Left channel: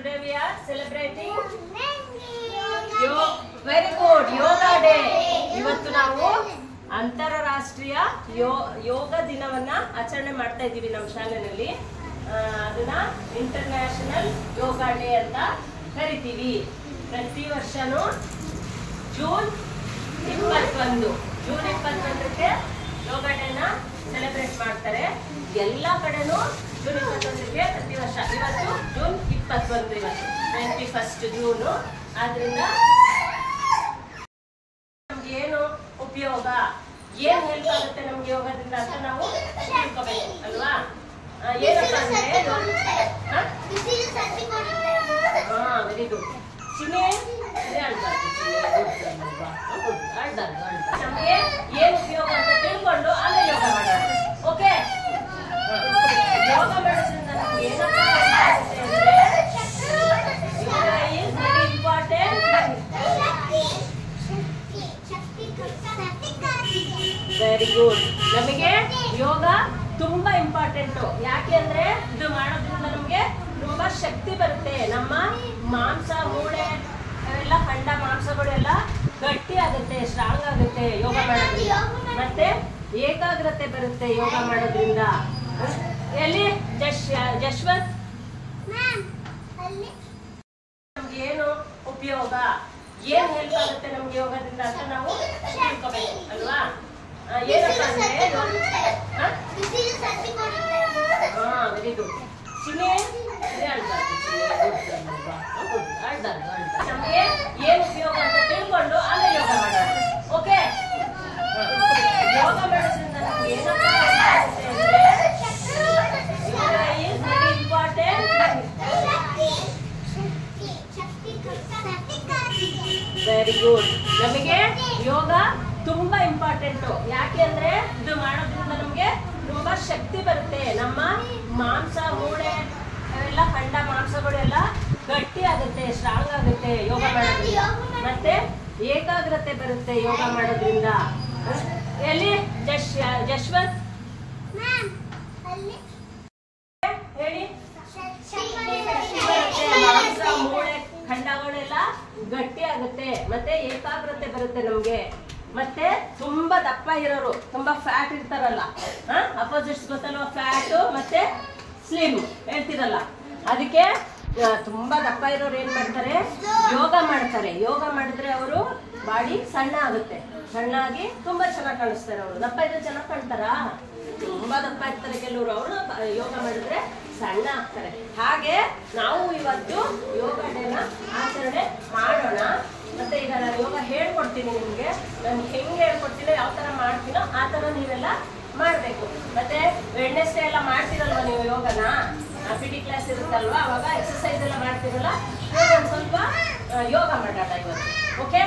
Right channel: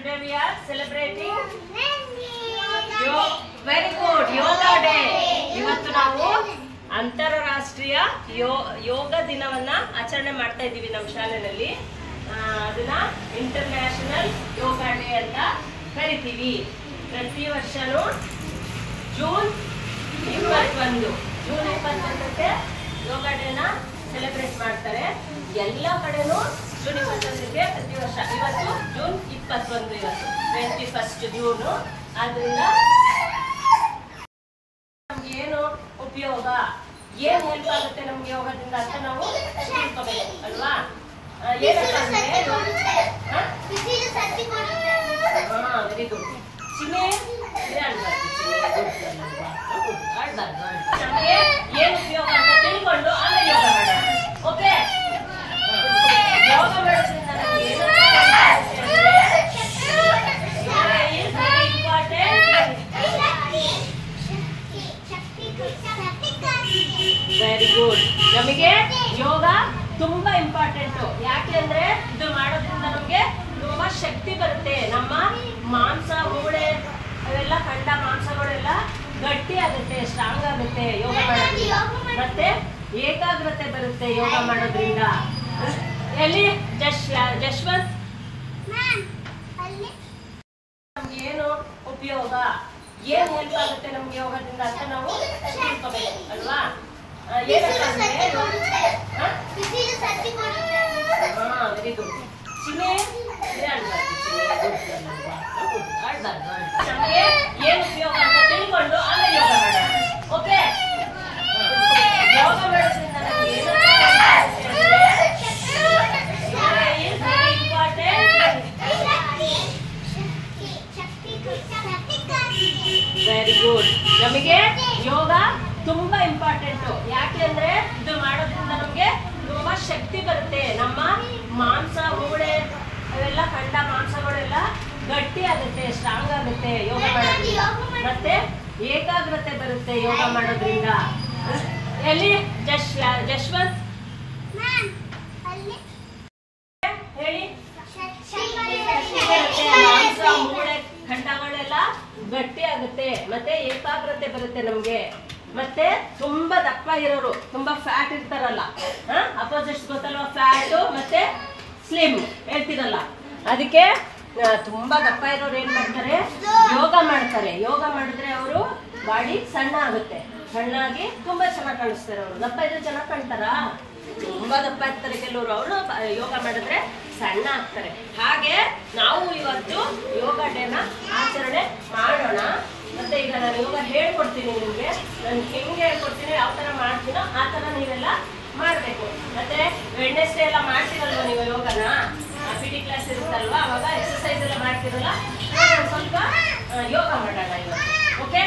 Today we are celebrating very good yoga day. ಇವತ್ತು ನಾವು ಅಂತಾರಾಷ್ಟ್ರೀಯ ಯೋಗ ದಿನವನ್ನ ಆಚರಣೆ ಮಾಡ್ತಾ ಇದ್ದೀವಿ ನಮ್ಮ ಶಾಲೆಯಲ್ಲಿ. ಅದನ್ನ ಇಂಟರ್ನ್ಯಾಷನಲ್ ಯೋಗ ಡೇ ಅಂತ ಕರಿತೀವಿ. ಪ್ರತಿ ವರ್ಷನೂ ಜೂನ್ 21ಕ್ಕೆ ಯೋಗ ಡೇನ ಸೆಲೆಬ್ರೇಟ್ ಮಾಡ್ತಾರೆ. ಎಲ್ಲ ಕಡೆನೂ ಜೂನ್ 21ಕ್ಕೆ ಪ್ರತಿ ವರ್ಷ. ಇವತ್ತು ಜೂನ್ 21, ಇವತ್ತು 21 ಜೂನ್. ಆದ್ರಿಂದ ನಮ್ಗೆ ಏನು ಉಪಯೋಗ, ಏನ್ ಹೆಲ್ಪ್ ಆಗುತ್ತೆ ನಮ್ಗೆ ಯೋಗದಿಂದ ಅಂತ ನಾವು ತಿಳ್ಕೋಬೇಕು ಅಲ್ವಾ? ಏನಪ್ಪ ಅಂದ್ರೆ ವೆರಿ ಗುಡ್. ನಮ್ಗೆ ಏನ್ ಉಪಯೋಗ ಅಂತ ತಿಳ್ಕೊಂಡು ಆಮೇಲೆ ಯೋಗ ಮಾಡೋಣ. ಓಕೆ, ಯೋಗ ಮಾಡೋದ್ರಿಂದ ನಮ್ಗೆ ಏನಪ್ಪ ವೆರಿ ಗುಡ್. ನಮಗೆ ಯೋಗ ತುಂಬಾ ಇಂಪಾರ್ಟೆಂಟ್. ಯಾಕೆ ಅಂದ್ರೆ ಇದು ಮಾಡೋದ್ರಿಂದ ನಮ್ಗೆ ತುಂಬಾ ಶಕ್ತಿ ಬರುತ್ತೆ. ನಮ್ಮ ಮಾಂಸ ಮೂಳೆ ಅವೆಲ್ಲ ಖಂಡ ಮಾಂಸಗಳೆಲ್ಲ ಗಟ್ಟಿ ಆಗುತ್ತೆ, ಸ್ಟ್ರಾಂಗ್ ಆಗುತ್ತೆ ಯೋಗ ಮಾಡೋದ್ರಿಂದ. ಮತ್ತೆ ಏಕಾಗ್ರತೆ ಬರುತ್ತೆ ಯೋಗ ಮಾಡೋದ್ರಿಂದ. ಎಲ್ಲಿ ಜಶ್ವಂತ್ ಏನು ಉಪಯೋಗ, ಏನ್ ಹೆಲ್ಪ್ ಆಗುತ್ತೆ ನಮ್ಗೆ ಯೋಗದಿಂದ ಅಂತ ನಾವು ತಿಳ್ಕೋಬೇಕು ಅಲ್ವಾ? ಏನಪ್ಪ ಅಂದ್ರೆ ವೆರಿ ಗುಡ್. ನಮ್ಗೆ ಏನ್ ಉಪಯೋಗ ಅಂತ ತಿಳ್ಕೊಂಡು ಆಮೇಲೆ ಯೋಗ ಮಾಡೋಣ. ಓಕೆ, ಯೋಗ ಮಾಡೋದ್ರಿಂದ ನಮ್ಗೆ ಏನಪ್ಪ ವೆರಿ ಗುಡ್. ನಮಗೆ ಯೋಗ ತುಂಬಾ ಇಂಪಾರ್ಟೆಂಟ್. ಯಾಕೆ ಅಂದ್ರೆ ಇದು ಮಾಡೋದ್ರಿಂದ ನಮ್ಗೆ ತುಂಬಾ ಶಕ್ತಿ ಬರುತ್ತೆ. ನಮ್ಮ ಮಾಂಸ ಮೂಳೆ ಅವೆಲ್ಲ ಖಂಡ ಮಾಂಸಗಳೆಲ್ಲ ಗಟ್ಟಿ ಆಗುತ್ತೆ, ಸ್ಟ್ರಾಂಗ್ ಆಗುತ್ತೆ ಯೋಗ ಮಾಡೋದ್ರಿಂದ. ಮತ್ತೆ ಏಕಾಗ್ರತೆ ಬರುತ್ತೆ ಯೋಗ ಮಾಡೋದ್ರಿಂದ. ಎಲ್ಲಿ ಜಶ್ವಂತ್ ಹೇಳಿ. ಮಾಂಸ ಮೂಳೆ ಖಂಡಗಳೆಲ್ಲ ಗಟ್ಟಿ ಆಗುತ್ತೆ, ಮತ್ತೆ ಏಕಾಗ್ರತೆ ಬರುತ್ತೆ ನಮ್ಗೆ. ಮತ್ತೆ ತುಂಬಾ ದಪ್ಪ ಇರೋರು, ತುಂಬಾ ಫ್ಯಾಟ್ ಇರ್ತಾರಲ್ಲ, ಅಪೋಸಿಟ್ಸ್ ಗೊತ್ತಲ್ವಾ? ಫ್ಯಾಟ್ ಮತ್ತೆ ಸ್ಲಿಮ್ ಹೇಳ್ತಿರಲ್ಲ, ಅದಕ್ಕೆ ತುಂಬಾ ದಪ್ಪ ಇರೋರು ಏನ್ ಮಾಡ್ತಾರೆ, ಯೋಗ ಮಾಡ್ತಾರೆ. ಯೋಗ ಮಾಡಿದ್ರೆ ಅವರು ಬಾಡಿ ಸಣ್ಣ ಆಗುತ್ತೆ, ಸಣ್ಣಾಗಿ ತುಂಬಾ ಚೆನ್ನಾಗಿ ಕಾಣಿಸ್ತಾರೆ. ಅವರು ದಪ್ಪ ಇದ್ರೆ ಚೆನ್ನಾಗಿ ಕಾಣ್ತಾರ? ತುಂಬಾ ದಪ್ಪ ಇರ್ತಾರೆ ಕೆಲವರು, ಅವರು ಯೋಗ ಮಾಡಿದ್ರೆ ಸಣ್ಣ ಆಗ್ತಾರೆ. ಹಾಗೆ ನಾವು ಇವತ್ತು ಯೋಗ ಡೇನ ಆಚರಣೆ ಮಾಡೋಣ. ಮತ್ತೆ ಈಗ ನಾನು ಯೋಗ ಹೇಳ್ಕೊಡ್ತೀನಿ ನಿಮ್ಗೆ. ನಾನು ಹೆಂಗೆ ಹೇಳ್ಕೊಡ್ತೀನಿ, ಯಾವ ತರ ಮಾಡ್ತೀನೋ ಆ ತರ ನೀವೆಲ್ಲ ಮಾಡ್ಬೇಕು. ಮತ್ತೆ ವೆಡ್ನೆಸ್ಡೇ ಎಲ್ಲ ಮಾಡ್ತೀರಲ್ವ ನೀವು ಯೋಗನ, PT ಕ್ಲಾಸ್ ಇರುತ್ತಲ್ವಾ, ಅವಾಗ ಎಕ್ಸರ್ಸೈಸ್ ಎಲ್ಲ ಮಾಡ್ತೀರಲ್ಲ, ಸ್ವಲ್ಪ ಯೋಗ ಮಾಡೋಣ ಇವತ್ತು. ಓಕೆ.